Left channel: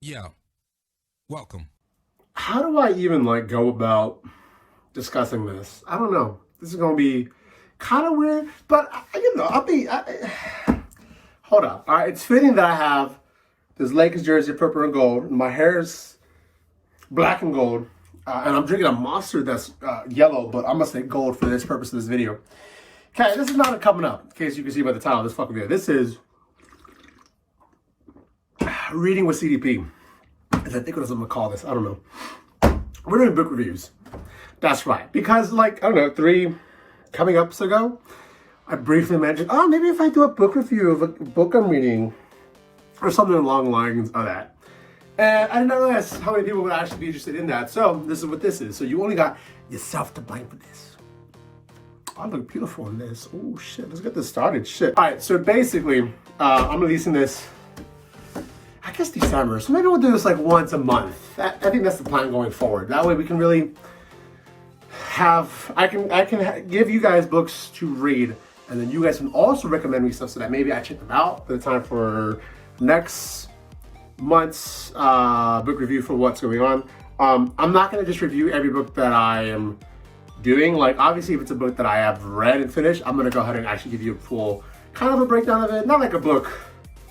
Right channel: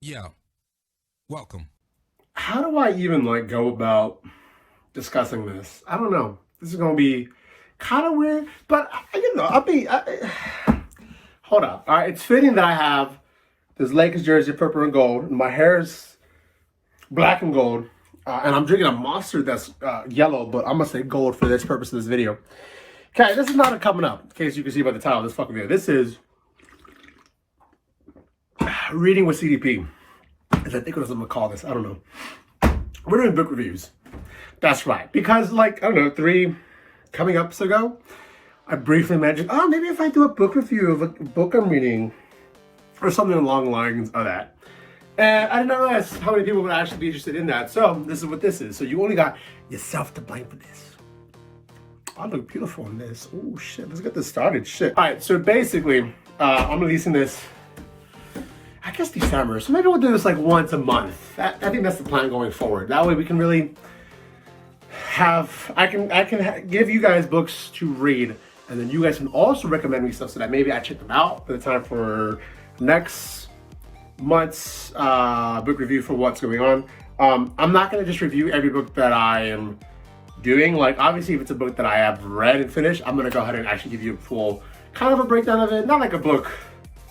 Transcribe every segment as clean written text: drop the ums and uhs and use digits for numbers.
Yeah, welcome. How do I even go about discussing this? I don't know. This is gonna be kind of weird, but hold up. All right, it's fitting that I have this Lakers jersey, purple and gold. And my hair's black and gold, and I'm drinking a Monster that's yellow, but I'm gonna say gold for this purpose of this video. Okay, this is not a coming up. In case you can see by the title of this fucking video, this is reading with CDP. As I think what I'm gonna call this. I don't know. We're doing book reviews. That's right. Because, I don't know, 3 coming ups ago, I briefly mentioned, oh, maybe if I do a book review of a book I'm reading, or something along the lines of that. And I did not realize how many people would actually be interested in that. So, this is what this is. So, you only got yourself to blame for this. I look beautiful in this. Oh, shit. Let's get this started. Shit. All right. So, basically, I'm releasing this, I guess, December. So maybe we'll do this once a month. I think that's the plan going forward. That way we can really I can give you guys books to read, and then you guys can also recommend me stuff so that maybe I check them out by the time for next month's book review for what's going on. I'm not going to just review every book that I am doing. Obviously, if it's a book that I have read and finished, I'm going to go ahead and actually give you a full kind of a breakdown of it. Not like a book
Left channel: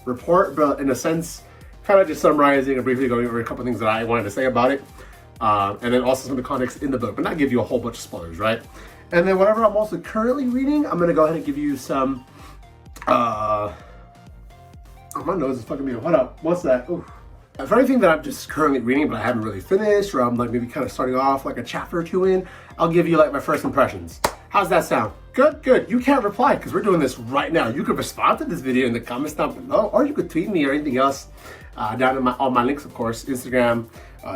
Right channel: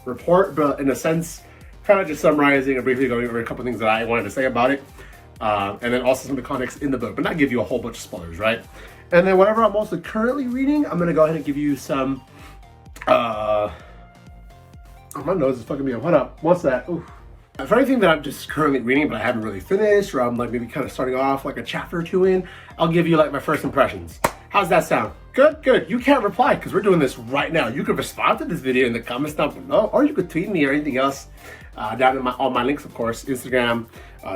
report, but in a sense, kind of just summarizing and briefly going over a couple things that I wanted to say about it. And then also some of the context in the book, but not give you a whole bunch of spoilers, right? And then whatever I'm also currently reading, I'm going to go ahead and give you some, oh, my nose is fucking me up. What up? What's that? Ooh. For anything that I'm just currently reading, but I haven't really finished, or I'm maybe kind of starting off a chapter or 2 in, I'll give you my first impressions. How's that sound? Good, good. You can't reply because we're doing this right now. You could respond to this video in the comments down below, or you could tweet me or anything else down in all my links, of course, Instagram,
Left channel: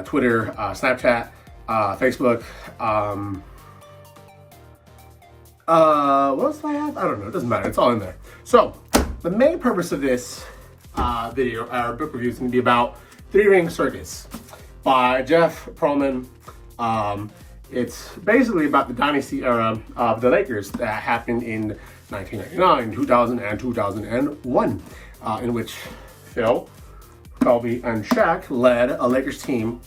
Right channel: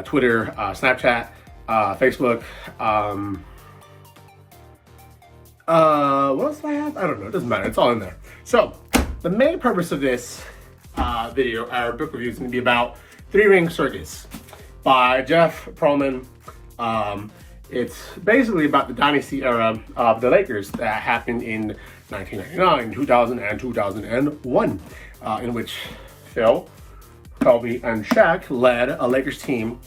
Twitter, Snapchat, Facebook. What else do I have? I don't know. It doesn't matter. It's all in there. So the main purpose of this video, our book review, is going to be about Three Ring Circus by Jeff Pearlman. It's basically about the dynasty era of the Lakers that happened in 1999, 2000, and 2001, in which Phil, Kobe, and Shaq led a Lakers team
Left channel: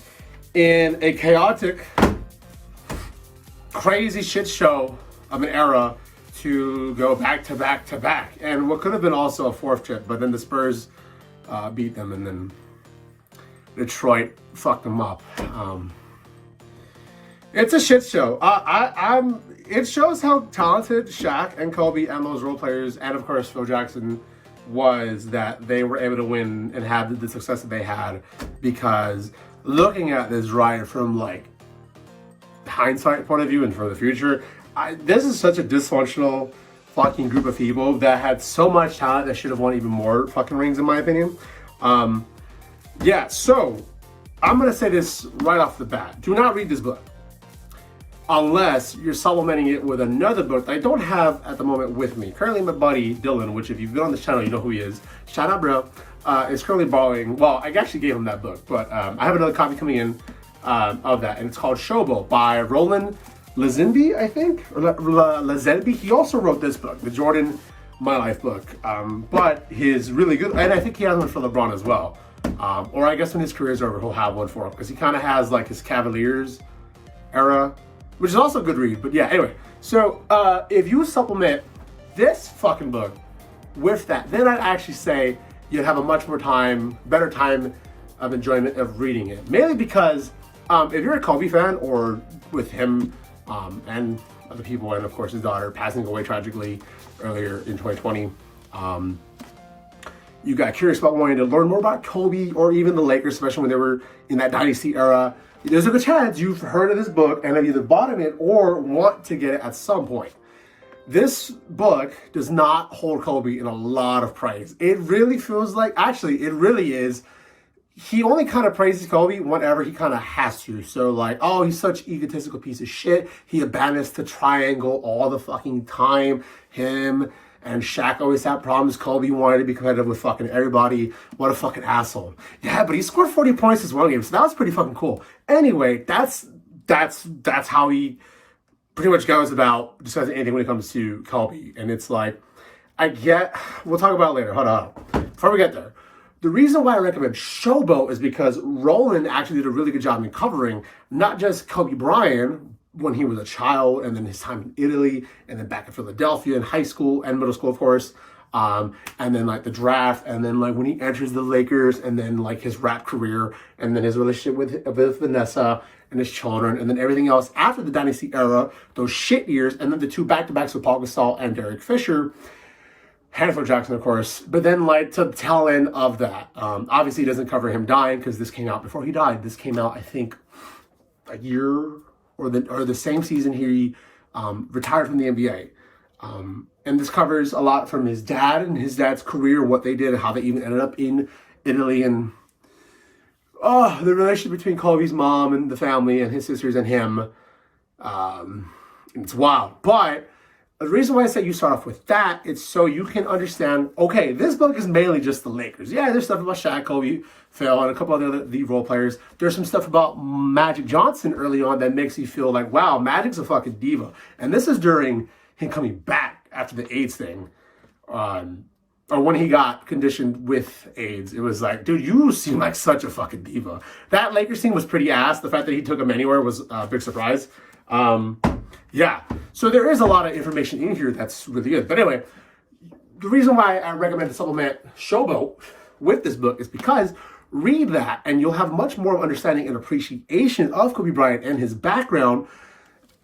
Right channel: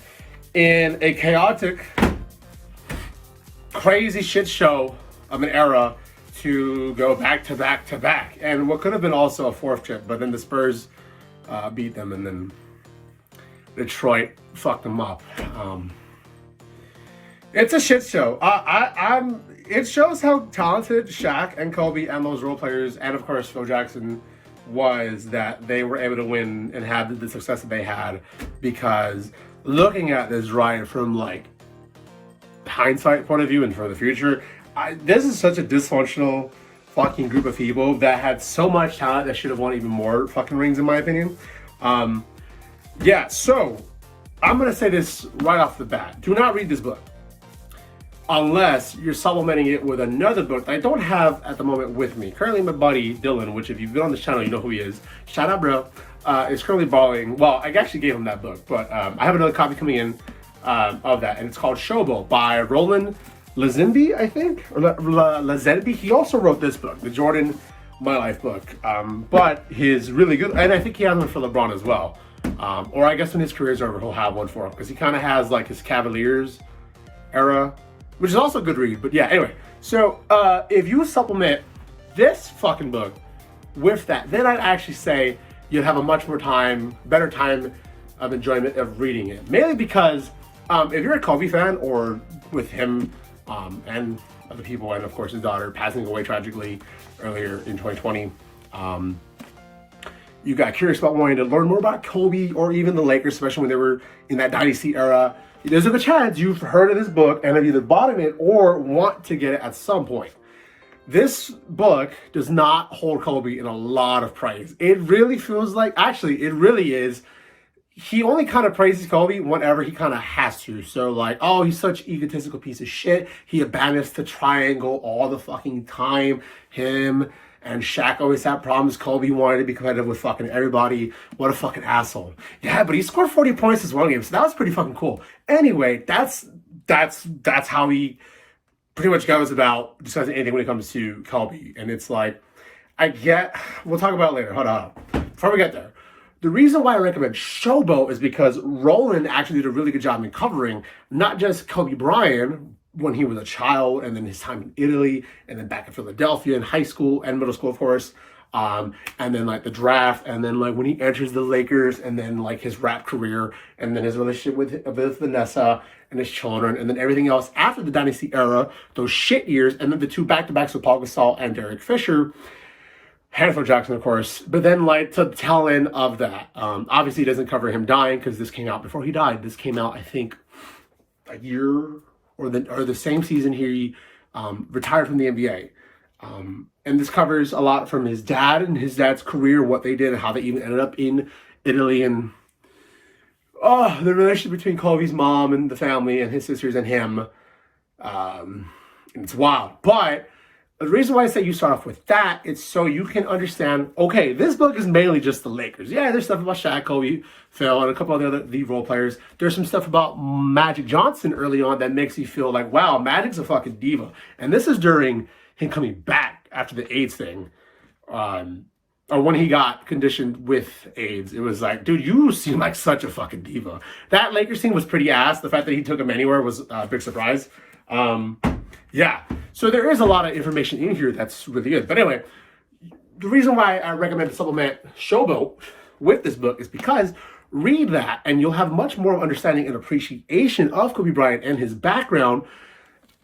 in a chaotic, crazy shit show of an era to go back to back to back. And what could have been also a 4th trip, but then the Spurs beat them, and then Detroit fucked them up. It's a shit show. It shows how talented Shaq and Kobe and those role players, and of course Phil Jackson, was, that they were able to win and have the success that they had. Because looking at this right from hindsight point of view and for the future, this is such a dysfunctional fucking group of people that had so much talent that should have won even more fucking rings, in my opinion. Yeah, so I'm gonna say this right off the bat: do not read this book unless you're supplementing it with another book that I don't have at the moment with me. Currently, my buddy Dylan, which if you've been on this channel, you know who he is. Shout out, bro. Is currently borrowing. Well, I actually gave him that book, but I have another copy coming in of that, and it's called Showboat by Roland Lazenby, I think, or Lazenby. He also wrote this book, the Jordan My Life book, but his really good, and I think he has one for LeBron as well. Or I guess when his career's over, he'll have one for him, because he kind of has his Cavaliers era, which is also a good read. But yeah, anyway, so if you supplement this fucking book with that, then I'd actually say you'd have a much more better time of enjoyment of reading it. Mainly because if you're a Kobe fan, or with him and other people, and of course his daughter passing away tragically earlier in 2020, you got curious about wanting to learn more about Kobe or even the Lakers, especially when they were in that dynasty era, there's a good chance you've heard of this book and have either bought it or want to get it at some point. This book does not hold Kobe in a lot of praise. It really feels actually, it really is. He only kind of praises Kobe whenever he kind of has to. So oh, he's such an egotistical piece of shit. He abandons the triangle all the fucking time. Him and Shaq always had problems. Kobe wanted to be competitive with fucking everybody. What a fucking asshole. Yeah, but he scored 40 points this one game, so that was pretty fucking cool. Anyway, that's how he pretty much goes about discussing anything when it comes to Kobe. And it's we'll talk about it later. Hold on. Before we get there, The reason why I recommend Showboat is because Roland actually did a really good job in covering not just Kobe Bryant when he was a child, and then his time in Italy, and then back in Philadelphia in high school and middle school, of course, and then like the draft, and then like when he enters the Lakers, and then like his rap career, and then his relationship with Vanessa and his children, and then everything else after the Dynasty era, those shit years, and then the two back-to-backs with Paul Gasol and Derek Fisher. Hanford Jackson, of course, but then like to the tail end of that, obviously it doesn't cover him dying because this came out before he died. This came out, I think, a year or the same season he retired from the NBA. And this covers a lot from his dad and his dad's career, what they did, and how they even ended up in Italy, and the relationship between Kobe's mom and the family and his sisters and him. And it's wild, but the reason why I say you start off with that, it's so you can understand, okay, this book is mainly just the Lakers. Yeah, there's stuff about Shaq, Kobe, Phil, and a couple other the role players. There's some stuff about Magic Johnson early on that makes you feel like, wow, Magic's a fucking diva. And this is during him coming back after the AIDS thing. Or when he got conditioned with AIDS. It was like, dude, you seem like such a fucking diva. That Lakers team was pretty ass. The fact that he took him anywhere was a big surprise. Yeah, so there is a lot of information in here that's really good. But anyway, the reason why I recommend to supplement Showboat with this book is because read that and you'll have much more understanding and appreciation of Kobe Bryant and his background,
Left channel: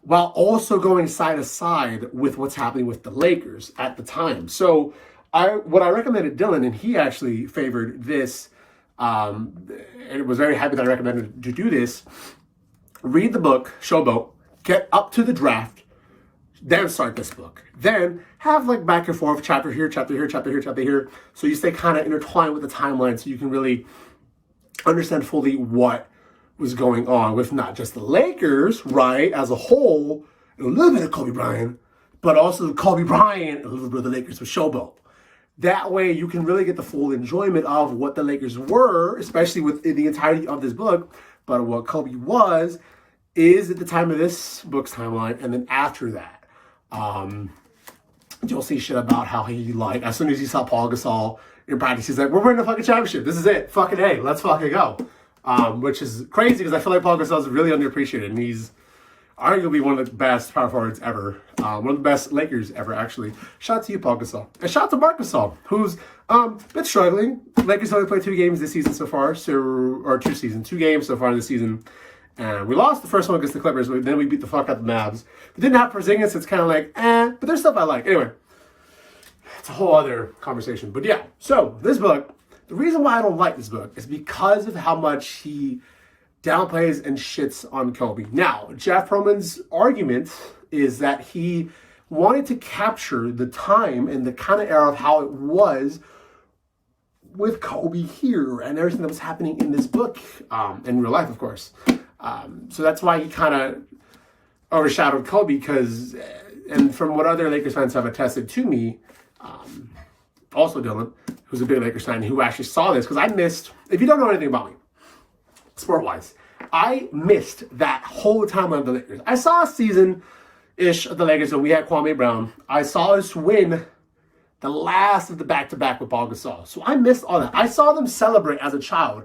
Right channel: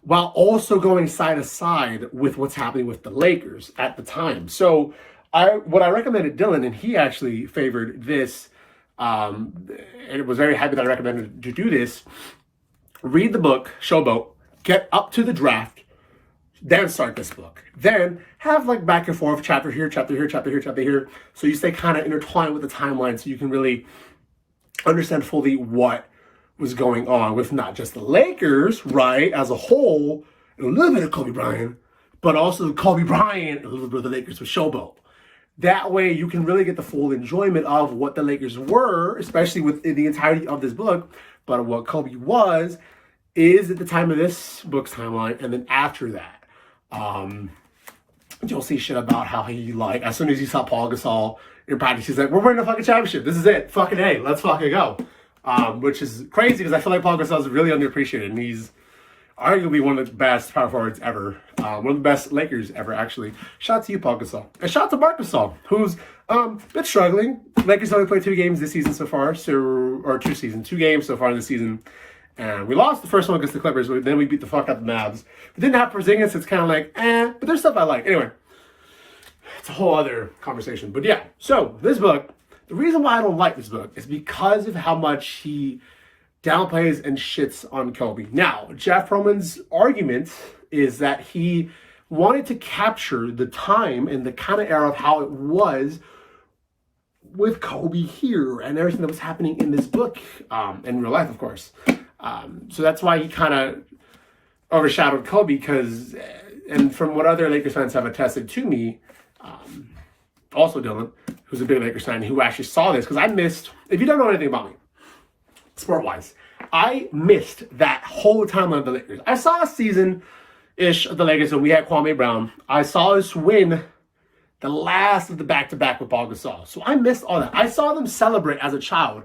while also going side to side with what's happening with the Lakers at the time. So what I recommended Dylan, and he actually favored this, and was very happy that I recommended to do this. Read the book, Showboat, get up to the draft, then start this book. Then have like back and forth, chapter here, chapter here, chapter here, chapter here. So you stay kind of intertwined with the timeline so you can really understand fully what was going on with not just the Lakers, right, as a whole, and a little bit of Kobe Bryant, but also Kobe Bryant and a little bit of the Lakers with Showboat. That way you can really get the full enjoyment of what the Lakers were, especially with the entirety of this book, but what Kobe is at the time of this book's timeline, and then after that, you'll see shit about how he, like, as soon as he saw Paul Gasol in practice, he's like, we're winning a fucking championship. This is it. Fucking A. Let's fucking go. Which is crazy because I feel like Paul Gasol is really underappreciated, and he's arguably one of the best power forwards ever. One of the best Lakers ever, actually. Shout out to you, Paul Gasol. And shout out to Marc Gasol, who's been struggling. Lakers only played 2 games this season so far, or 2 games so far in the season. And we lost the first one against the Clippers, but then we beat the fuck out of the Mavs. But didn't have Porzingis, it's kind of like, but there's stuff I like. Anyway, it's a whole other conversation. But yeah, so this book, the reason why I don't like this book is because of how much he downplays and shits on Kobe. Now, Jeff Pearlman's argument is that he wanted to capture the time and the kind of era of how it was with Kobe here and everything that was happening in this book, in real life, of course. So that's why he kind of overshadowed Kobe because, and from what other Lakers fans have attested to me, also Dylan, who's a big Lakers fan, who actually saw this, because I missed, if you don't know anything about me, sport-wise, I missed that whole timeline of the Lakers. I saw a season-ish of the Lakers, and we had Kwame Brown. I saw us win the last of the back-to-back with Paul Gasol. So I missed all that. I saw them celebrate as a child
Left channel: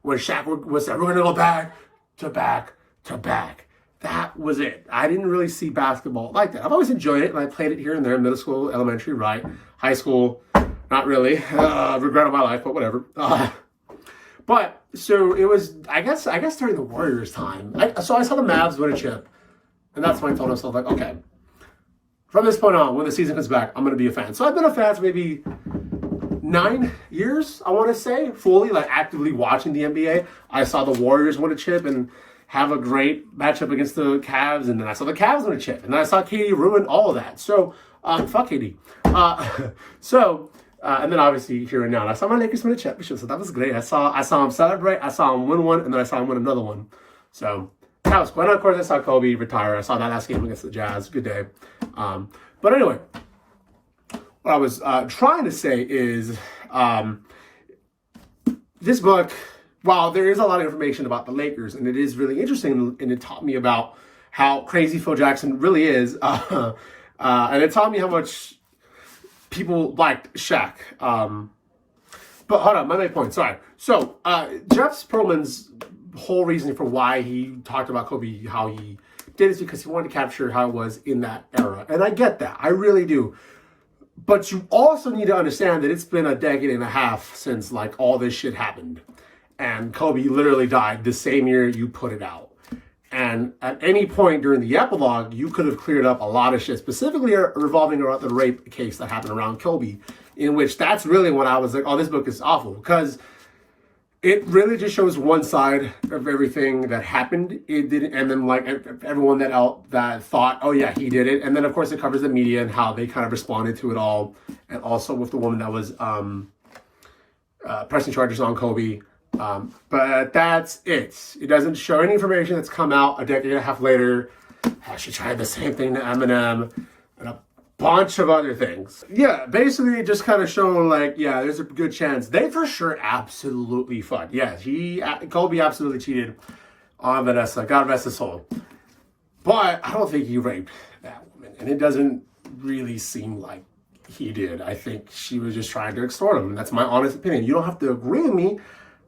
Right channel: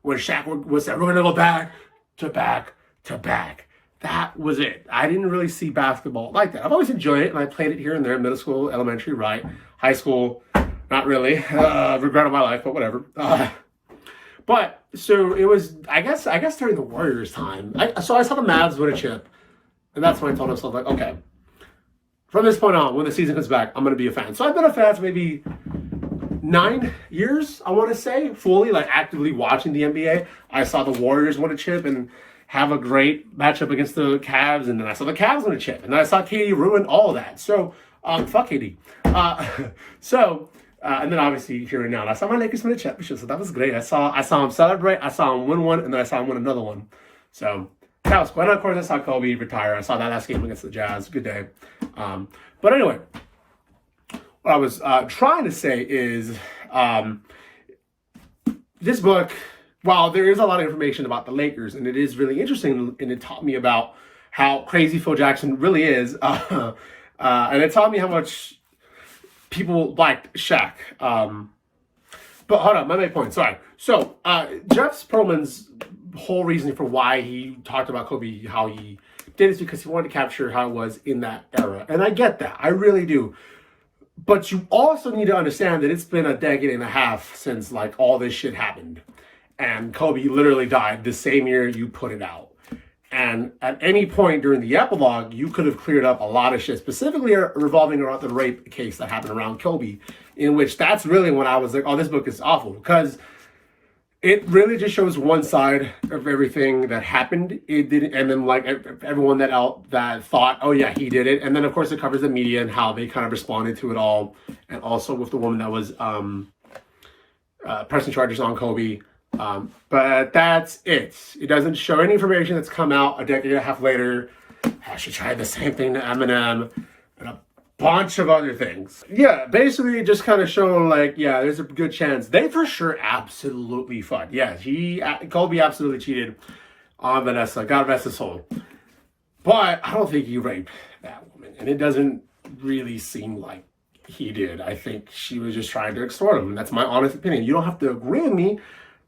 when Shaq was said, we're going to go back to back to back. That was it. I didn't really see basketball like that. I've always enjoyed it, and I played it here and there, middle school, elementary, right? High school, not really. Regret of my life, but whatever. But, so it was, I guess during the Warriors' time. So I saw the Mavs win a chip, and that's when I told myself, like, okay, from this point on, when the season comes back, I'm going to be a fan. So I've been a fan for maybe 9 years, I want to say, fully, like, actively watching the NBA. I saw the Warriors win a chip and have a great matchup against the Cavs, and then I saw the Cavs win a chip, and then I saw KD ruin all of that. So, fuck KD. And then obviously here and now, I saw my Lakers win a championship, so that was great. I saw him celebrate, I saw him win one, and then I saw him win another one. So that was cool. And of course, I saw Kobe retire. I saw that last game against the Jazz. Good day. But anyway, what I was trying to say is this book, while there is a lot of information about the Lakers, and it is really interesting, and it taught me about how crazy Phil Jackson really is, and it taught me how much people liked Shaq. But hold on, my main point. Sorry. So Jeff Pearlman's whole reason for why he talked about Kobe, how he did is because he wanted to capture how it was in that era, and I get that. I really do. But you also need to understand that it's been a decade and a half since like all this shit happened, and Kobe literally died the same year you put it out. And at any point during the epilogue, you could have cleared up a lot of shit, specifically revolving around the rape case that happened around Kobe, in which that's really when I was like, oh, this book is awful, because it really just shows one side of everything that happened. It didn't, and then like everyone that thought, oh yeah, he did it, and then of course it covers the media and how they kind of responded to it all, and also with the woman that was pressing charges on Kobe. But that's it. It doesn't show any information that's come out a decade and a half later. She tried the same thing to Eminem and a bunch of other things. Yeah, basically just kind of showing like, yeah, there's a good chance. They for sure absolutely fucked. Yeah, Kobe absolutely cheated on Vanessa. God rest his soul. But I don't think he raped that woman. And it doesn't really seem like he did. I think she was just trying to extort him. And that's my honest opinion. You don't have to agree with me.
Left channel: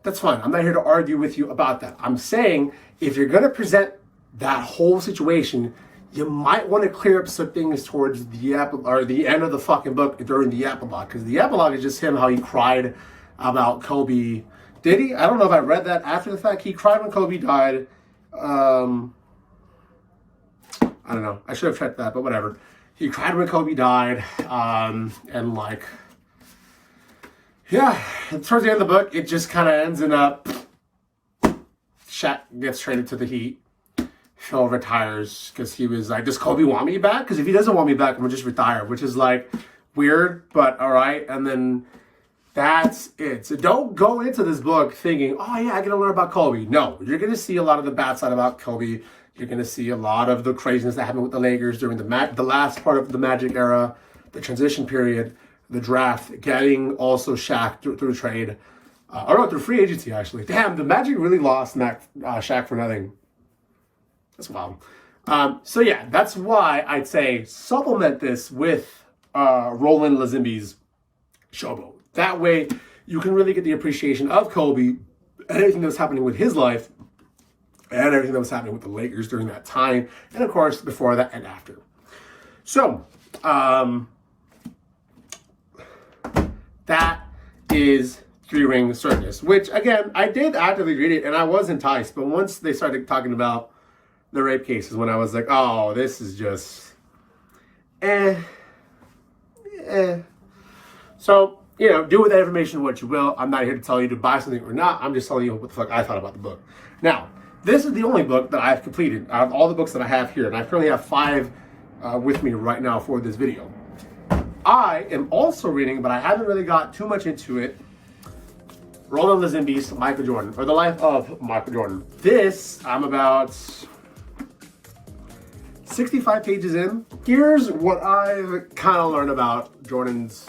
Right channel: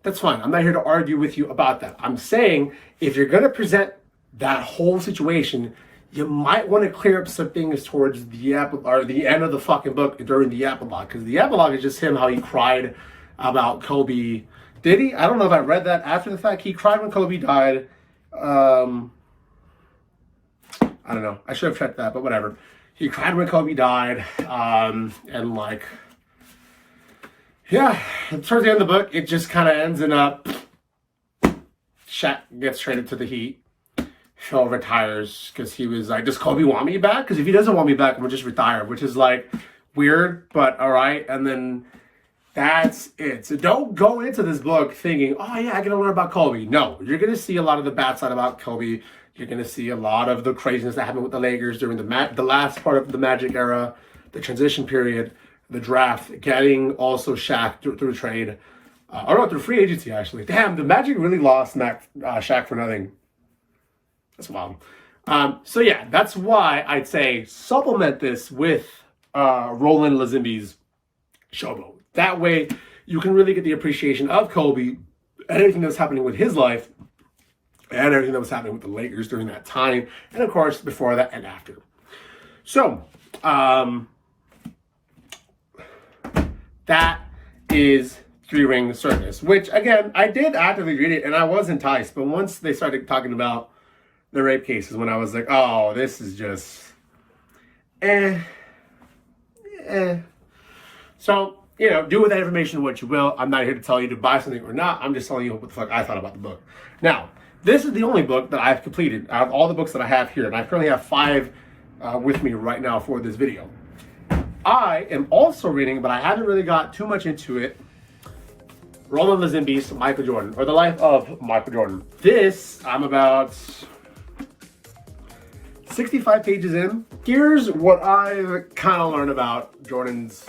That's fine. I'm not here to argue with you about that. I'm saying if you're going to present that whole situation, you might want to clear up some things towards the end of the fucking book during the epilogue. Because the epilogue is just him, how he cried about Kobe. Did he? I don't know if I read that after the fact. He cried when Kobe died. I don't know. I should have checked that, but whatever. He cried when Kobe died. And like... yeah, towards the end of the book, it just kind of ends in Shaq gets traded to the Heat. Phil retires because he was like, does Kobe want me back? Because if he doesn't want me back, I'm going to just retire, which is like weird, but all right. And then that's it. So don't go into this book thinking, oh yeah, I get to learn about Kobe. No, you're going to see a lot of the bad side about Kobe. You're going to see a lot of the craziness that happened with the Lakers during the last part of the Magic era, the transition period, the draft, getting also Shaq through trade, or no, through free agency actually. Damn, the Magic really lost Shaq for nothing. That's wild. So yeah, that's why I'd say supplement this with Roland Lazimbi's Showboat. That way, you can really get the appreciation of Kobe and everything that was happening with his life, and everything that was happening with the Lakers during that time, and of course before that and after. So. That is Three Ring Circus, which, again, I did actively read it, and I was enticed. But once they started talking about the rape cases, when I was like, oh, this is just... So, you know, do with that information what you will. I'm not here to tell you to buy something or not. I'm just telling you what the fuck I thought about the book. Now, this is the only book that I've completed out of all the books that I have here, and I currently have 5 with me right now for this video. I am also reading, but I haven't really got too much into it, Roland Lazimbi's Michael Jordan, or The Life of Michael Jordan. This, I'm about 65 pages in. Here's what I've kind of learned about Jordan's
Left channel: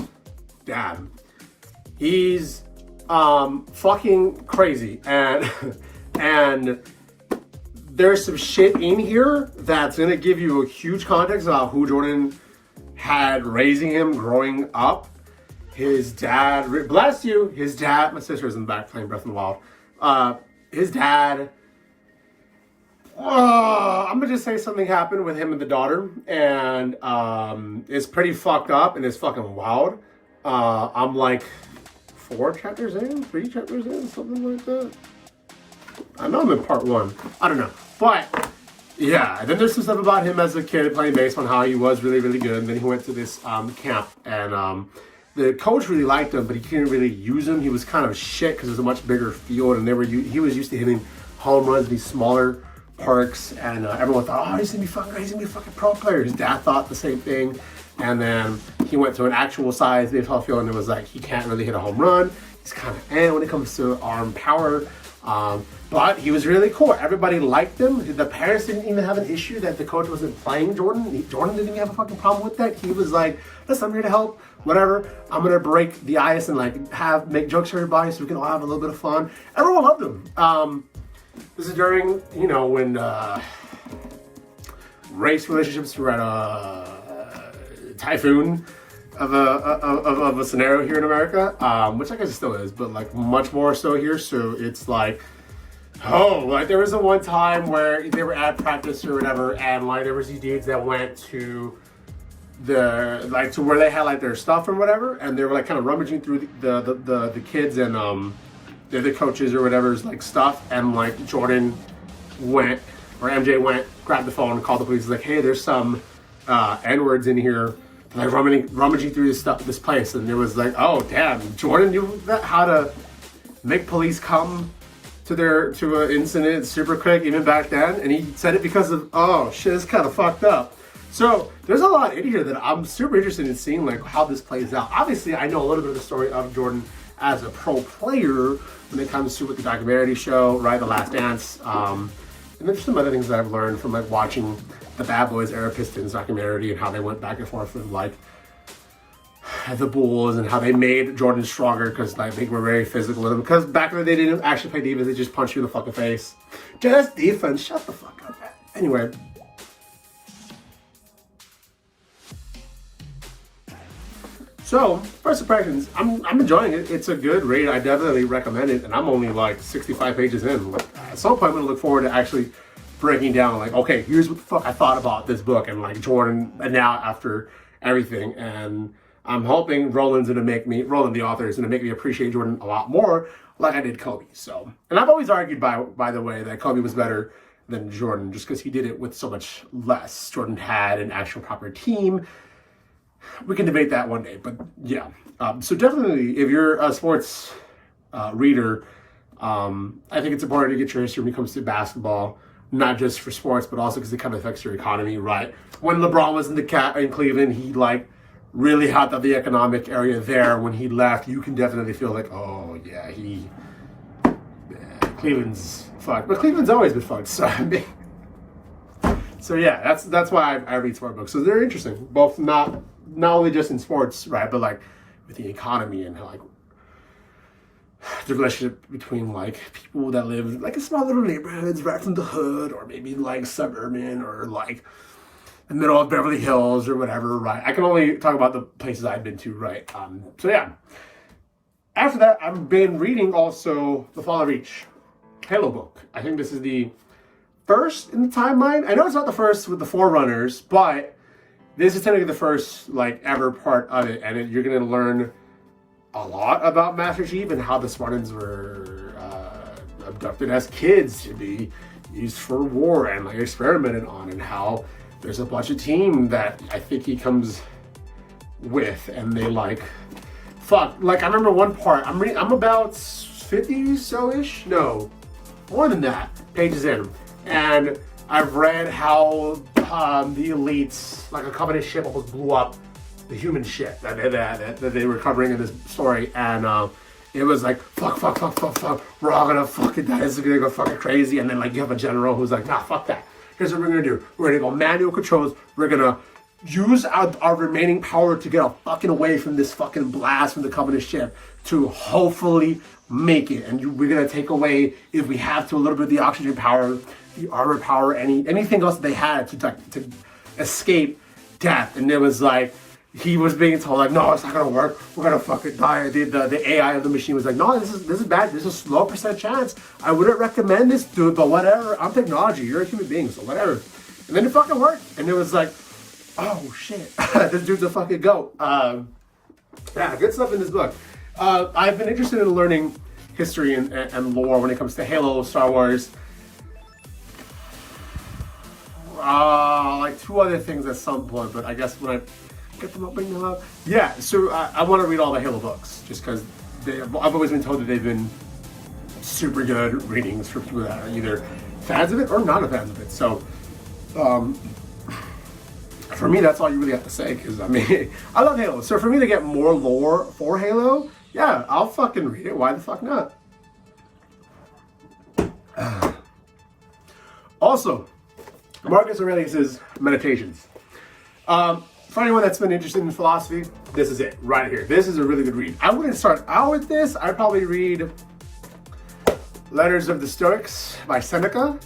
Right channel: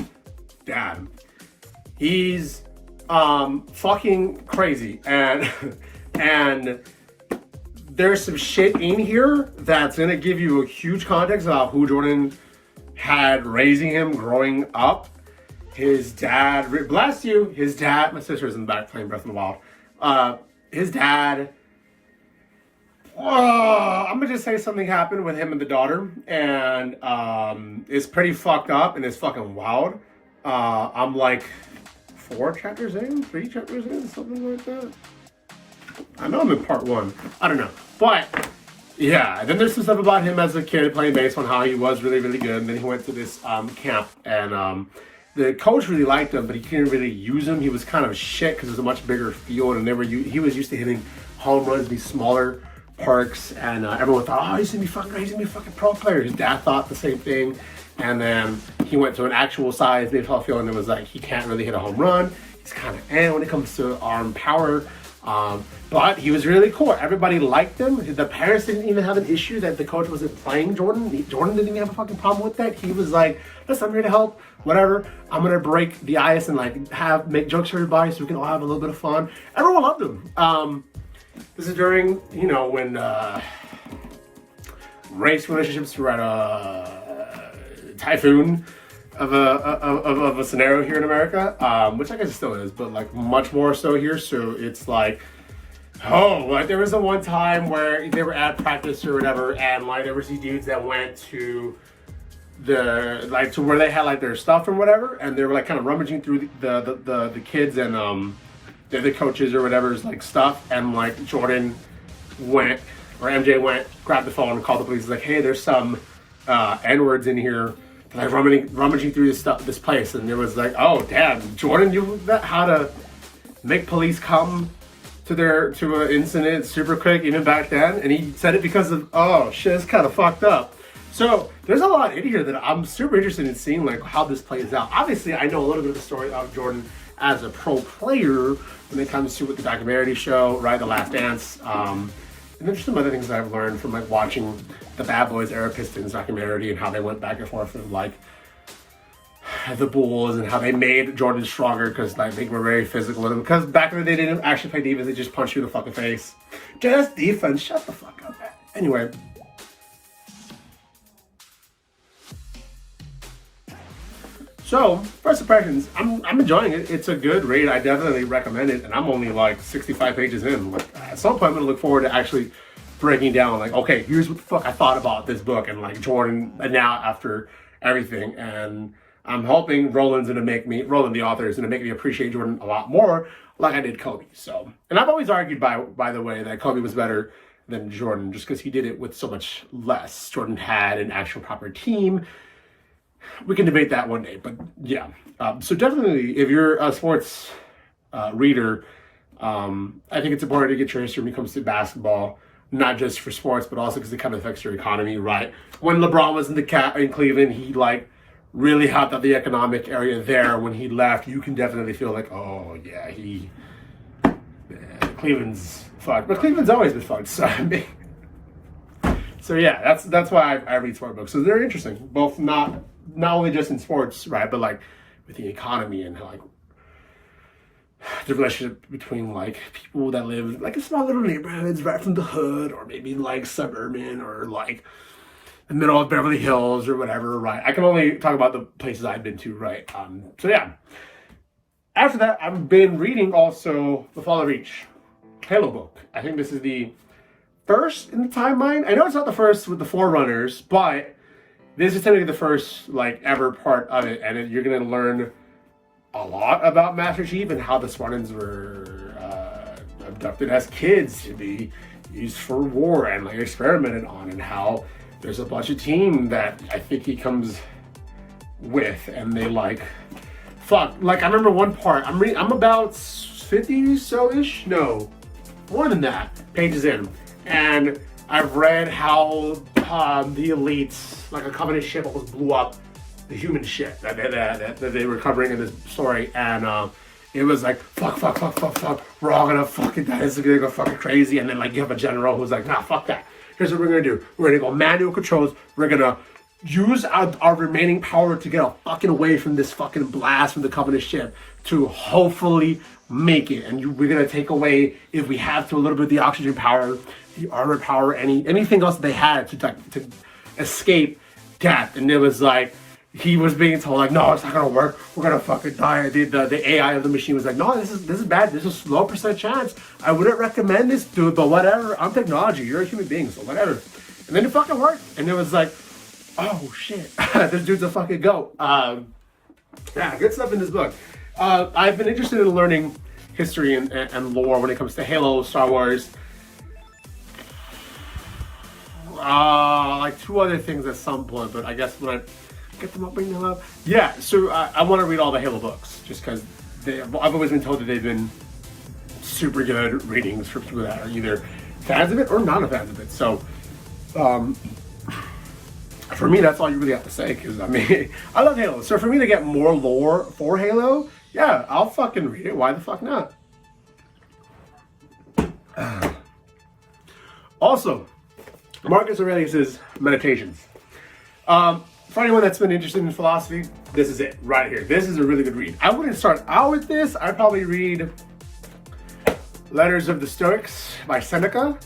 dad. He's fucking crazy, and there's some shit in here that's gonna give you a huge context about who Jordan had raising him growing up. His dad, bless you, his dad, my sister's in the back playing Breath of the Wild. His dad, I'm gonna just say something happened with him and the daughter, and it's pretty fucked up and it's fucking wild. I'm like 3 chapters in, something like that. I know I'm in part 1. I don't know, but yeah, and then there's some stuff about him as a kid playing baseball, how he was really, really good. And then he went to this camp, and the coach really liked him, but he couldn't really use him. He was kind of shit because it was a much bigger field, and he was used to hitting home runs in these smaller parks, and everyone thought, oh, he's gonna be fucking pro player. His dad thought the same thing, and then he went to an actual size baseball field, and it was like he can't really hit a home run. He's kind of when it comes to arm power. But he was really cool. Everybody liked him. The parents didn't even have an issue that the coach wasn't playing Jordan. Jordan didn't even have a fucking problem with that. He was like, listen, I'm here to help, whatever. I'm going to break the ice and like make jokes for everybody so we can all have a little bit of fun. Everyone loved him. This is during, you know, when race relationships were at a typhoon. of a scenario here in America, which I guess it still is, but like much more so here. So it's like, oh, like there was the one time where they were at practice or whatever, and like there was these dudes that went to to where they had like their stuff and whatever, and they were like kind of rummaging through the kids and the coaches or whatever's like stuff, and like Jordan went or MJ went, grabbed the phone and called the police. Like, hey, there's some N-words in here. Like rummaging through this place, and it was like, oh damn, Jordan knew how to make police come to an incident super quick even back then, and he said it because of, oh shit, it's kind of fucked up. So there's a lot in here that I'm super interested in seeing, like how this plays out. Obviously, I know a little bit of the story of Jordan as a pro player when it comes to with the documentary show, right, The Last Dance. And there's some other things that I've learned from like watching the Bad Boys era Pistons documentary and how they went back and forth with like the Bulls and how they made Jordan stronger because like they were very physical with him. Because back in the day, they didn't actually play defense; they just punched you in the fucking face. Just defense. Shut the fuck up. Anyway. So, first impressions, I'm enjoying it. It's a good read. I definitely recommend it. And I'm only like 65 pages in. Like, at some point, I'm going to look forward to actually breaking down, like, okay, here's what the fuck I thought about this book and like Jordan and now after everything. And I'm hoping Roland, the author, is going to make me appreciate Jordan a lot more like I did Kobe. So, and I've always argued, by the way, that Kobe was better than Jordan just because he did it with so much less. Jordan had an actual proper team. We can debate that one day, but yeah. So definitely, if you're a sports reader, I think it's important to get your history when it comes to basketball, not just for sports, but also because it kind of affects your economy, right? When LeBron was in Cleveland, he like really helped out the economic area there. When he left, you can definitely feel like, oh yeah, Cleveland's fucked, but Cleveland's always been fucked. So I mean. So yeah, that's why I read sport books. So they're interesting, both not only just in sports, right, but like with the economy and how like the relationship between like people that live like in small little neighborhoods right from the hood, or maybe like suburban, or like the middle of Beverly Hills or whatever, right? I can only talk about the places I've been to, right? So yeah. After that, I've been reading also The Fall of Reach, Halo book. I think this is the first in the timeline. I know it's not the first with the Forerunners, but this is technically the first like ever part of it, and you're gonna learn a lot about Master Chief and how the Spartans were abducted as kids to be used for war and like experimented on, and how there's a bunch of team that I think he comes with, and they like fuck. Like I remember one part. I'm about 50 so-ish, no, more than that pages in. And I've read how the elites, like a Covenant ship, almost blew up the human ship that they were covering in this story, and it was like fuck, we're all gonna fucking die. This is gonna go fucking crazy. And then like you have a general who's like, nah, fuck that. Here's what we're gonna do. We're gonna go manual controls. We're gonna use our remaining power to get fucking away from this fucking blast from the Covenant ship to hopefully make it. And we're gonna take away, if we have to, a little bit of the oxygen power, the armor power, anything else they had to escape death. And it was like he was being told like, no, it's not gonna work. We're gonna fucking die. The AI of the machine was like, no, this is bad. This is a low percent chance. I wouldn't recommend this, dude. But whatever. I'm technology. You're a human being, so whatever. And then it fucking worked. And it was like, oh shit, this dude's a fucking goat. Yeah, good stuff in this book. I've been interested in learning history and lore when it comes to Halo, Star Wars. Like two other things at some point, but I guess when I get them up, bring them up. Yeah, so I want to read all the Halo books just because I've always been told that they've been super good readings for people that are either fans of it or not fans of it. So, for me, that's all you really have to say, because I mean, I love Halo. So for me to get more lore for Halo, yeah, I'll fucking read it. Why the fuck not? Also, Marcus Aurelius's Meditations. For anyone that's been interested in philosophy, this is it right here. This is a really good read. I wouldn't start out with this. I'd probably read Letters of the Stoics by Seneca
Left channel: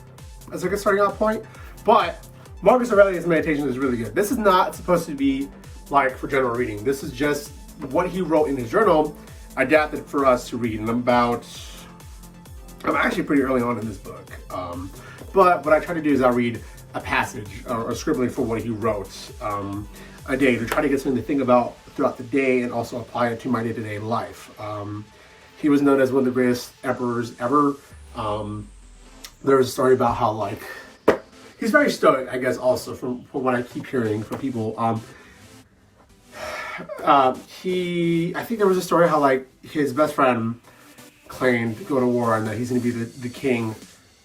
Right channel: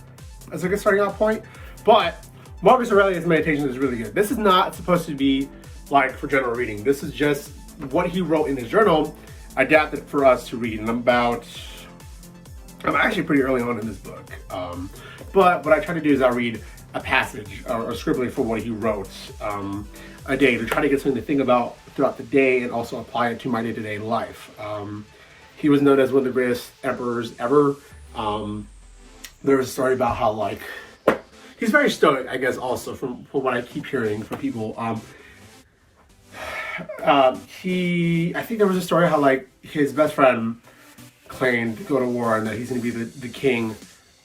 as a good starting out point. But Marcus Aurelius' Meditations is really good. This is not supposed to be like for general reading. This is just what he wrote in his journal, adapted for us to read. And I'm actually pretty early on in this book. But what I try to do is I read a passage or scribbling for what he wrote a day to try to get something to think about throughout the day and also apply it to my day-to-day life. He was known as one of the greatest emperors ever. There was a story about how, like, he's very stoic, I guess, also from what I keep hearing from people. I think there was a story how, like, his best friend claimed to go to war and that he's going to be the king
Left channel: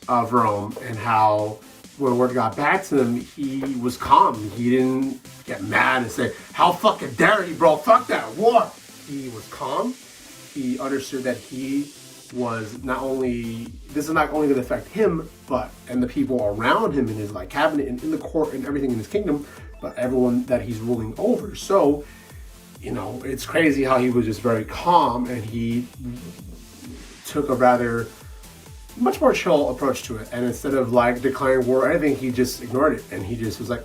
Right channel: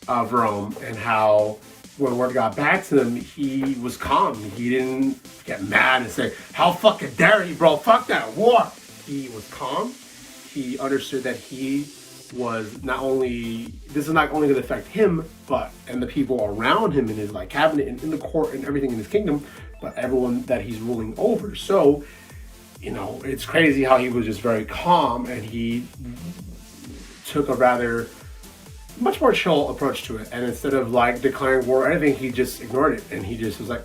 of Rome, and how when word got back to him, he was calm. He didn't get mad and say, "How fucking dare you, bro? Fuck that war." He was calm. He understood that he was this is not only going to affect him, and the people around him in his like cabinet and in the court and everything in his kingdom, but everyone that he's ruling over. So, you know, it's crazy how he was just very calm, and he took a much more chill approach to it. And instead of like declaring war or anything, he just ignored it. And he just was like,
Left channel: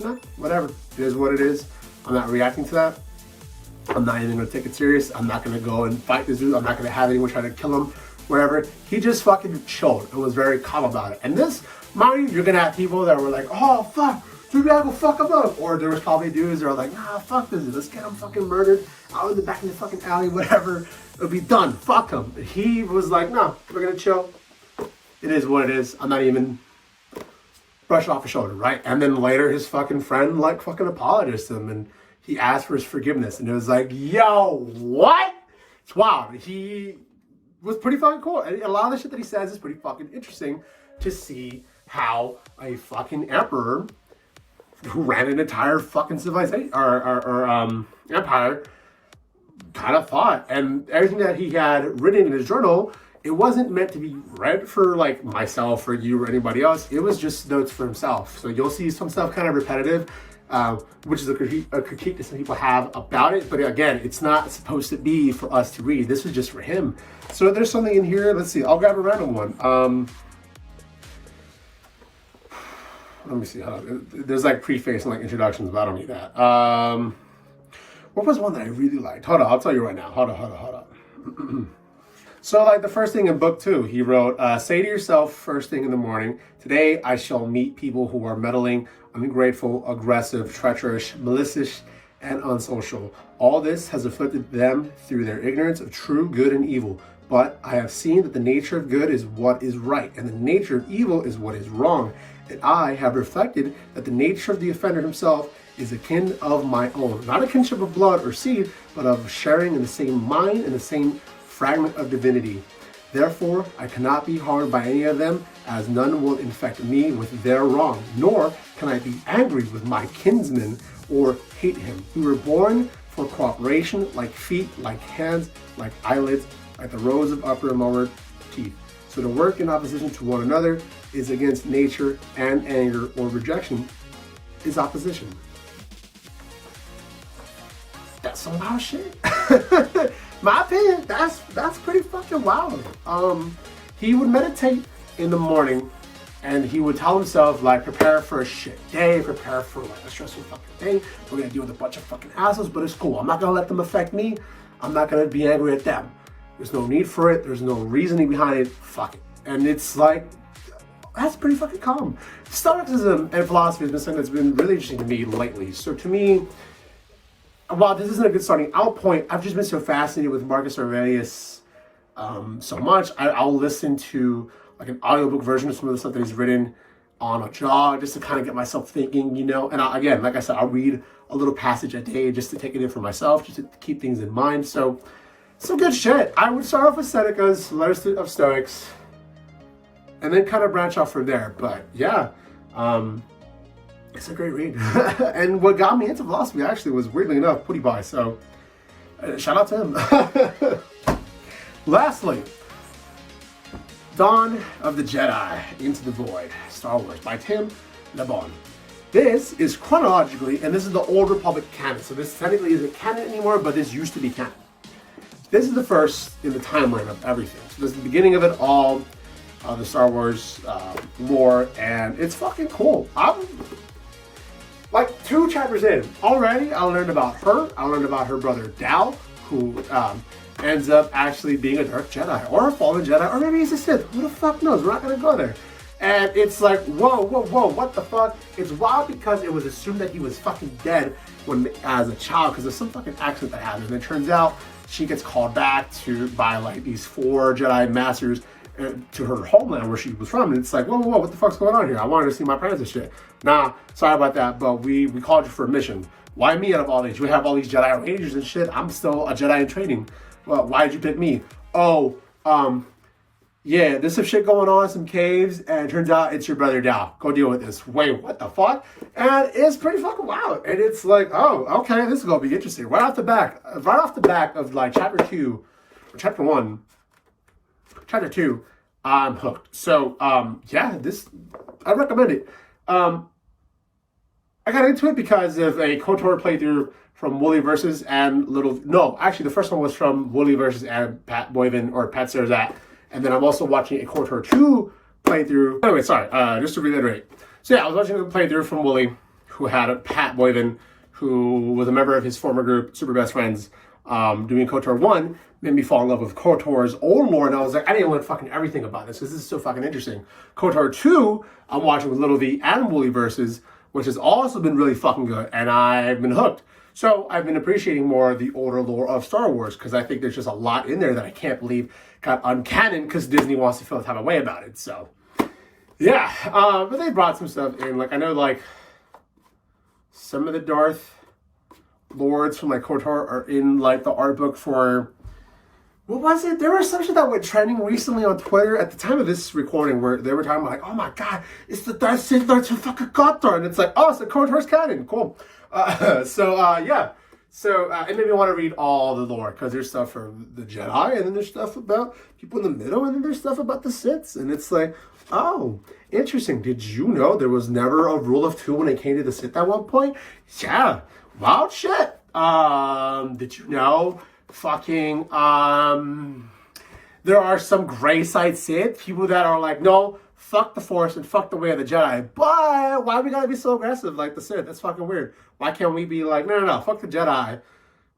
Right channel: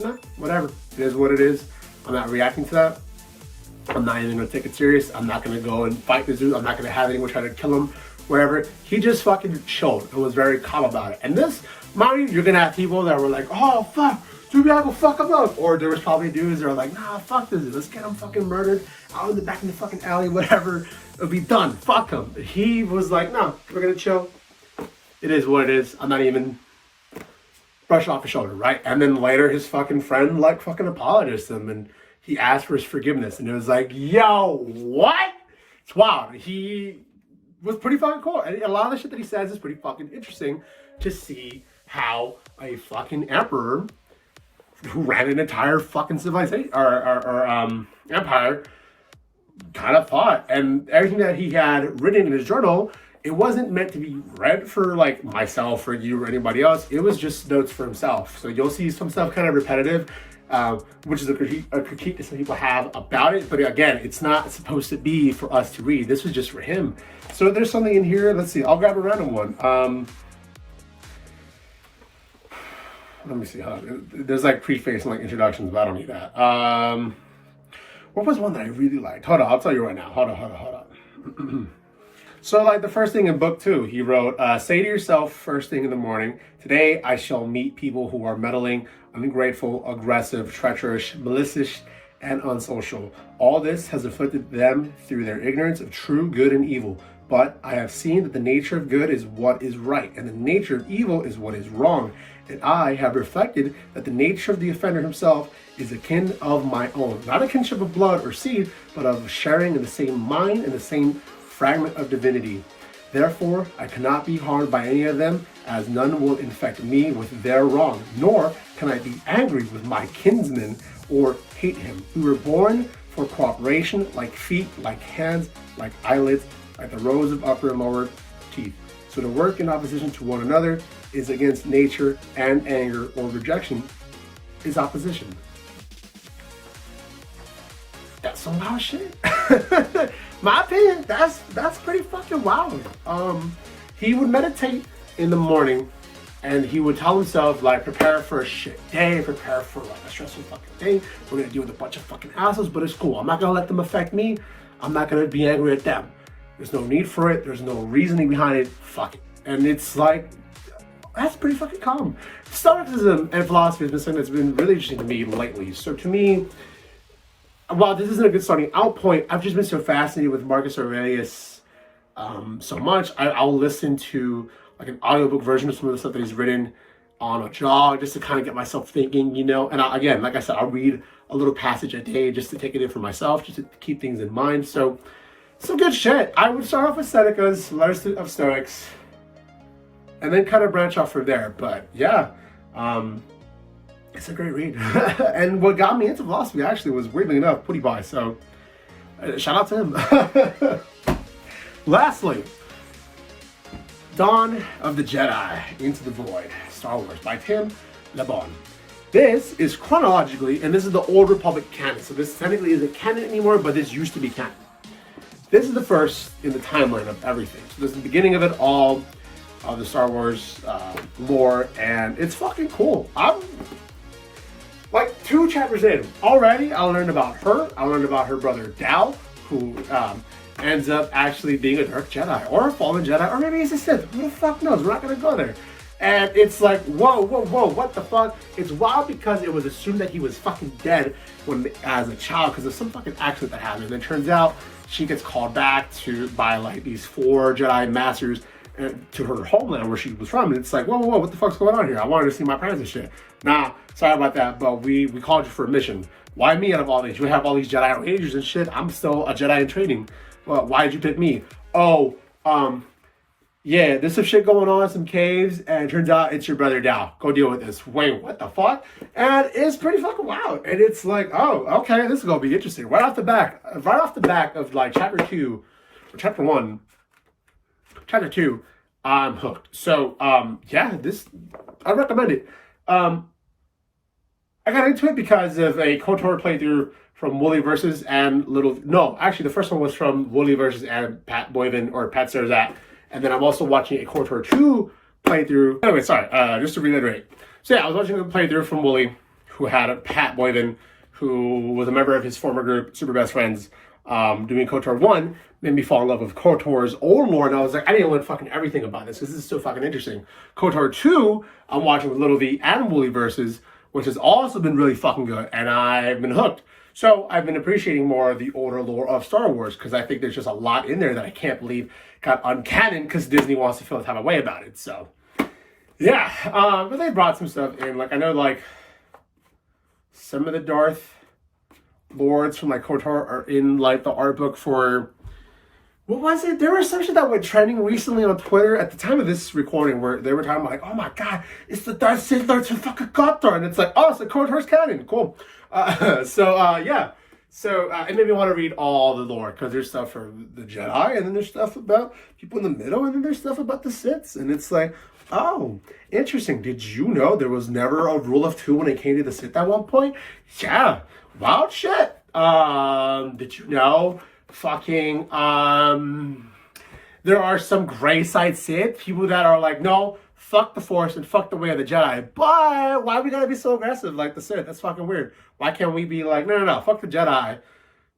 nah, whatever. It is what it is. I'm not reacting to that. I'm not even gonna take it serious. I'm not gonna go and fight this dude. I'm not gonna have anyone try to kill him, wherever. He just fucking chilled and was very calm about it. And this, mind you, you're gonna have people that were like, oh fuck, dude, we gotta go fuck him up. Or there was probably dudes that were like, nah, fuck this dude. Let's get him fucking murdered out in the back in the fucking alley, whatever. It'll be done. Fuck him. He was like, no, we're gonna chill. It is what it is. I'm not even brush off his shoulder, right? And then later his fucking friend like fucking apologized to him and he asked for his forgiveness. And it was like, yo, what? It's wild. He was pretty fucking cool. And a lot of the shit that he says is pretty fucking interesting to see how a fucking emperor who ran an entire fucking civilization or empire kind of thought. And everything that he had written in his journal, it wasn't meant to be read for like myself or you or anybody else. It was just notes for himself. So you'll see some stuff kind of repetitive, which is a critique that some people have about it. But again, it's not supposed to be for us to read. This was just for him. So there's something in here. Let's see. I'll grab a random one. Let me see. There's like preface and like introductions, but I don't need that. What was one that I really liked? Hold on. I'll tell you right now. Hold on. So like the first thing in book 2, he wrote, say to yourself first thing in the morning, today I shall meet people who are meddling, ungrateful, aggressive, treacherous, malicious, and unsocial. All this has afflicted them through their ignorance of true good and evil. But I have seen that the nature of good is what is right, and the nature of evil is what is wrong. And I have reflected that the nature of the offender himself is a kin of my own. Not a kinship of blood or seed, but of sharing in the same mind and the same fragment of divinity. Therefore, I cannot be harmed by any of them, as none will infect me with their wrong, nor can I be angry with my kinsman or hate him. We were born for cooperation, like feet, like hands, like eyelids, like the rows of upper and lower teeth. So to work in opposition to one another is against nature, and anger or rejection is opposition. That's some wild shit. My opinion, that's pretty fucking wild. He would meditate in the morning and he would tell himself, like, prepare for a shit day, prepare for like a stressful fucking day. We're gonna deal with a bunch of fucking assholes, but it's cool. I'm not gonna let them affect me. I'm not gonna be angry at them. There's no need for it. There's no reasoning behind it. Fuck it. And it's like, that's pretty fucking calm. Stoicism and philosophy has been something that's been really interesting to me lately. So to me, while this isn't a good starting out point, I've just been so fascinated with Marcus Aurelius so much. I'll listen to like an audiobook version of some of the stuff that he's written on a jog just to kind of get myself thinking, you know. And again, like I said, I'll read a little passage a day just to take it in for myself, just to keep things in mind. So some good shit. I would start off with Seneca's Letters of Stoics and then kind of branch off from there. But yeah, it's a great read. And what got me into philosophy actually was, weirdly enough, PewDiePie. So shout out to him. Lastly, Dawn of the Jedi, Into the Void, Star Wars by Tim LeBon. This is chronologically, and this is the Old Republic canon. So this technically isn't canon anymore, but this used to be canon. This is the first in the timeline of everything. So this is the beginning of it all, of the Star Wars lore, and it's fucking cool. Like Like 2 chapters in, already I learned about her. I learned about her brother Dao, who ends up actually being a Dark Jedi or a Fallen Jedi, or maybe he's a Sith. Who the fuck knows? We're not gonna go there. And it's like, whoa, what the fuck? It's wild because it was assumed that he was fucking dead when as a child because of some fucking accident that happened. And it turns out she gets called back by like these 4 Jedi Masters to her homeland where she was from. And it's like, whoa, what the fuck's going on here? I wanted to see my parents and shit. Nah, sorry about that, but we called you for a mission. Why me out of all these? You have all these Jedi Rangers and shit. I'm still a Jedi in training. Well, why did you pick me? Oh, yeah, there's some shit going on, some caves, and it turns out it's your brother Dao. Go deal with this. Wait, what the fuck? And it's pretty fucking wild. And it's like, oh, okay, this is gonna be interesting. Right off the back of like chapter 2, or chapter 1, chapter 2, I'm hooked. So, yeah, I recommend it. I got into it because of a KOTOR playthrough from Wooly versus and actually the first one was from Wooly versus and Pat Boyven or Pat CezrDaPleazr. And then I'm also watching a KOTOR 2 playthrough. Anyway, sorry, just to reiterate. So yeah, I was watching a playthrough from Wooly, who had a Pat Boyven, who was a member of his former group, Super Best Friends, doing KOTOR 1, made me fall in love with KOTOR's old lore, and I was like, I need to learn fucking everything about this, because this is so fucking interesting. KOTOR 2, I'm watching with Little V and Wooly versus, which has also been really fucking good, and I've been hooked. So I've been appreciating more of the older lore of Star Wars because I think there's just a lot in there that I can't believe got uncanon because Disney wants to feel the type of way about it. So yeah, but they brought some stuff in. Like I know like some of the Darth Lords from like KOTOR are in like the art book for, what was it? There was some shit that went trending recently on Twitter at the time of this recording where they were talking about like, oh my god, it's the Darth Sith Lords from fucking KOTOR, and it's like, oh, it's the KOTOR's canon, cool. Yeah. So it made me want to read all the lore because there's stuff for the Jedi, and then there's stuff about people in the middle, and then there's stuff about the Siths, and it's like, oh, interesting. Did you know there was never a rule of 2 when it came to the Sith at one point? Yeah, wild shit. Did you know fucking there are some gray side Sith people that are like, no, fuck the Force and fuck the way of the Jedi. But why we gotta be so aggressive like the Sith? That's fucking weird. Why can't we be like, no, fuck the Jedi,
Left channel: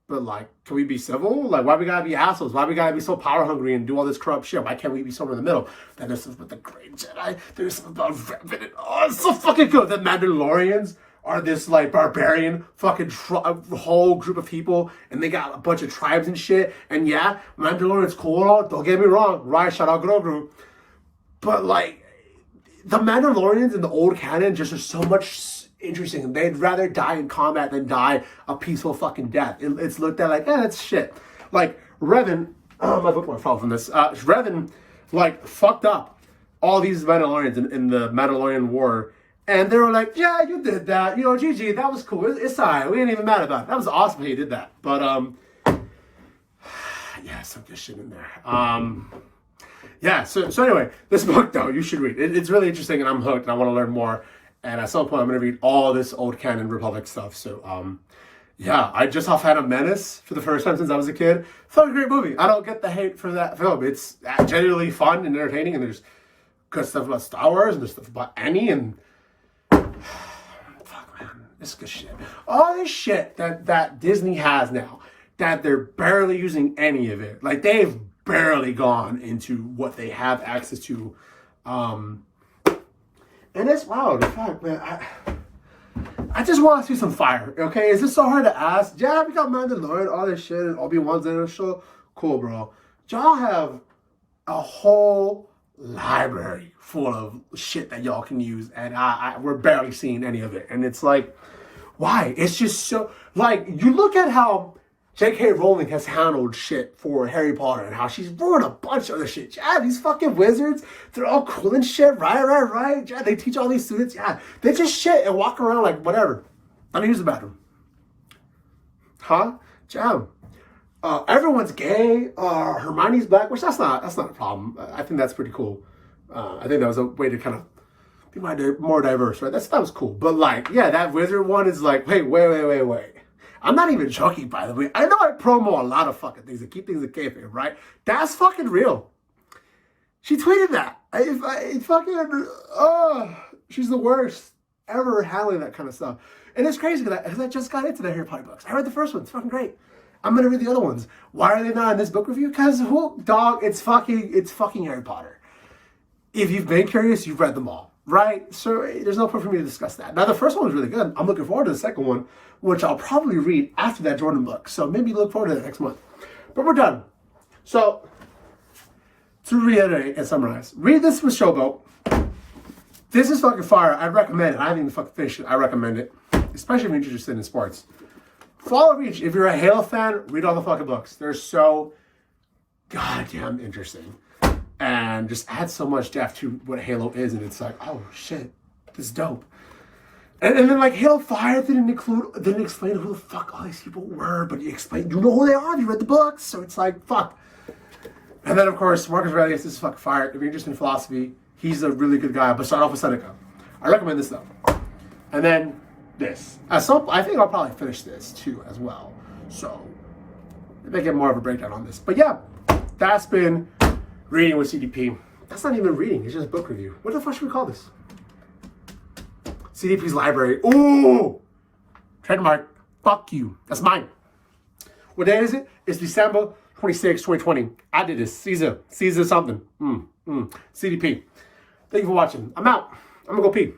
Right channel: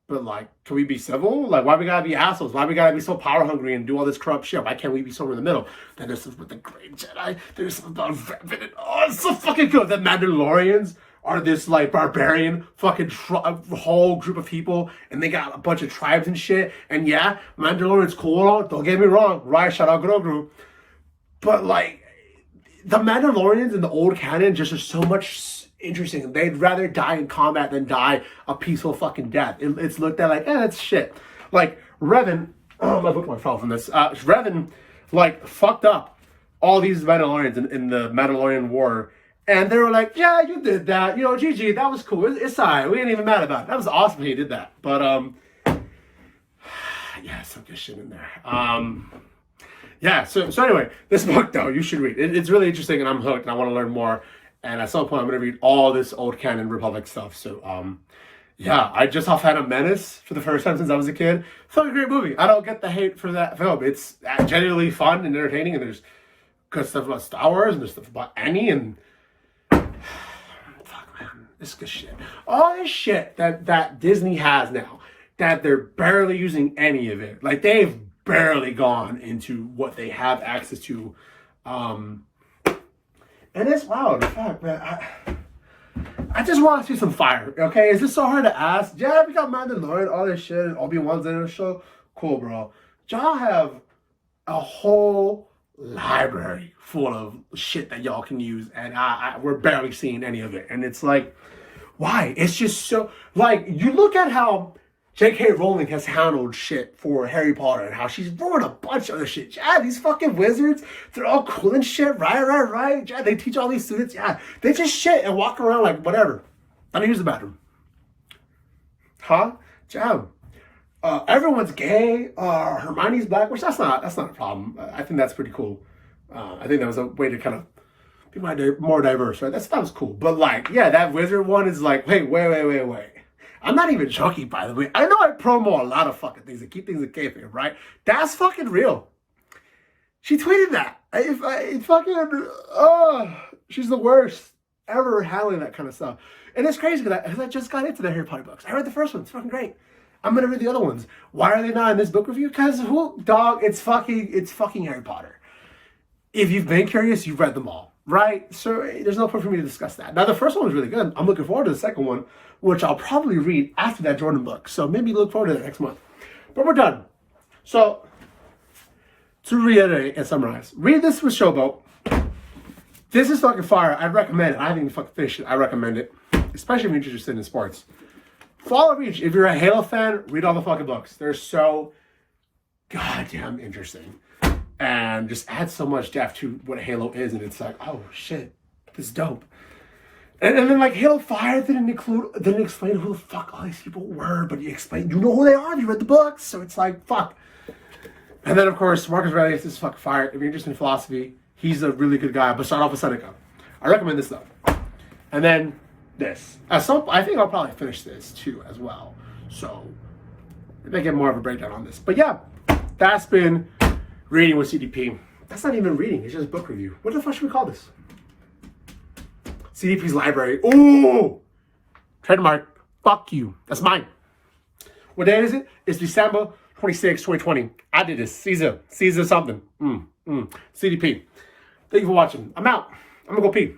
but like, can we be civil? Like, why we gotta be assholes? Why we gotta be so power hungry and do all this corrupt shit? Why can't we be somewhere in the middle? Then there's stuff with the great Jedi. There's stuff about Revan. Oh, it's so fucking good. The Mandalorians are this like barbarian fucking whole group of people, and they got a bunch of tribes and shit. And yeah, Mandalorian's cool and all. Don't get me wrong. Right, shout out Grogu. But like, the Mandalorians in the old canon just are so much interesting. They'd rather die in combat than die a peaceful fucking death. It's looked at like, that's shit. Like, Revan, my bookmark fell from this. Revan, like, fucked up all these Mandalorians in the Mandalorian War. And they were like, yeah, you did that. You know, GG, that was cool. It's all right. We ain't even mad about it. That was awesome he did that. But, yeah, some good shit in there. Yeah, so anyway, this book, though, you should read. It's really interesting, and I'm hooked, and I want to learn more. And at some point, I'm going to read all this old canon Republic stuff. So, yeah, I just saw Phantom Menace for the first time since I was a kid. Fucking great movie. I don't get the hate for that film. It's genuinely fun and entertaining, and there's good stuff about Star Wars, and there's stuff about Annie, and fuck, man, this is good shit. All this shit that Disney has now, that they're barely using any of it. Like, they've barely gone into what they have access to. And it's wild. In fact, man, I just want to see some fire, okay? Is this so hard to ask? Yeah, we got Mandalorian, all this shit, and Obi-Wan's in the show. Cool, bro. Y'all have a whole library full of shit that y'all can use, and we're barely seeing any of it. And it's like, why? It's just so, like, you look at how J.K. Rowling has handled shit for Harry Potter and how she's ruined a bunch of other shit. Yeah, these fucking wizards, they're all cool and shit. Right. Yeah, they teach all these students. Yeah, they just shit and walk around like whatever. I don't use the bathroom. Huh? Jam. Everyone's gay. Hermione's black, which that's not a problem. I think that's pretty cool. I think that was a way to kind of be more diverse, right? That was cool. But like, yeah, that wizard one is like, wait. I'm not even joking, by the way. I know I promo a lot of fucking things and keep things in kayfabe, right? That's fucking real. She tweeted that. She's the worst. ever handling that kind of stuff. And it's crazy because I just got into the Harry Potter books. I read the first one. It's fucking great. I'm going to read the other ones. Why are they not in this book review? Because, dog, it's fucking Harry Potter. If you've been curious, you've read them all, right? So there's no point for me to discuss that. Now, the first one was really good. I'm looking forward to the second one, which I'll probably read after that Jordan book. So maybe look forward to that next month. But we're done. So, to reiterate and summarize, read this with Showboat. This is fucking fire. I recommend it. I haven't even fucking finished it. I recommend it. Especially if you're interested in sports. Follow Reach. If you're a Halo fan, read all the fucking books. They're so goddamn interesting. And just add so much depth to what Halo is. And it's like, oh shit, this is dope. And then like Halo 5 didn't explain who the fuck all these people were, but you know who they are. You read the books. So it's like, fuck. And then of course, Marcus Aurelius is fucking fire. If you're interested in philosophy, he's a really good guy. But start off with Seneca. I recommend this though. And then this. I think I'll probably finish this too as well. So they get more of a breakdown on this. But yeah, that's been reading with CDP. That's not even reading. It's just book review. What the fuck should we call this? CDP's library. Ooh! Trademark. Fuck you. That's mine. What day is it? It's December 26, 2020. I did this. Caesar something. CDP. Thank you for watching. I'm out. I'm gonna go pee.